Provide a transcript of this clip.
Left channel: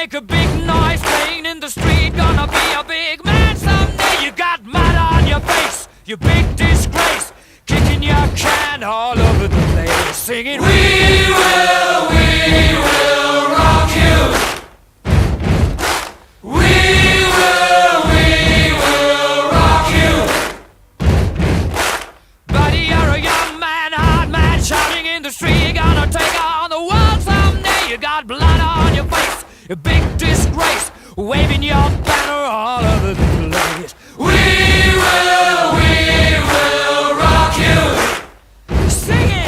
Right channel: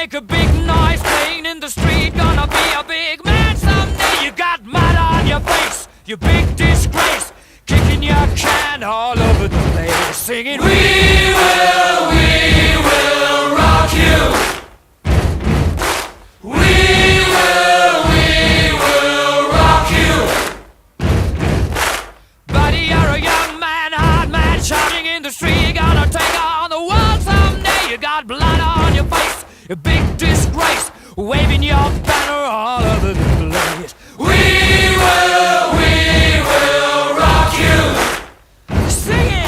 make a big noise playing in the street. Gonna be a big man someday. You got mud on your face, you big disgrace. Kicking your can all over the place, singing, we will rock you. We will rock you. Buddy, you're a young man, hard man, shouting in the street. You're gonna take on the world someday. You got blood on your face, a big disgrace, waving your banner all over the place. We will rock you. Sing it.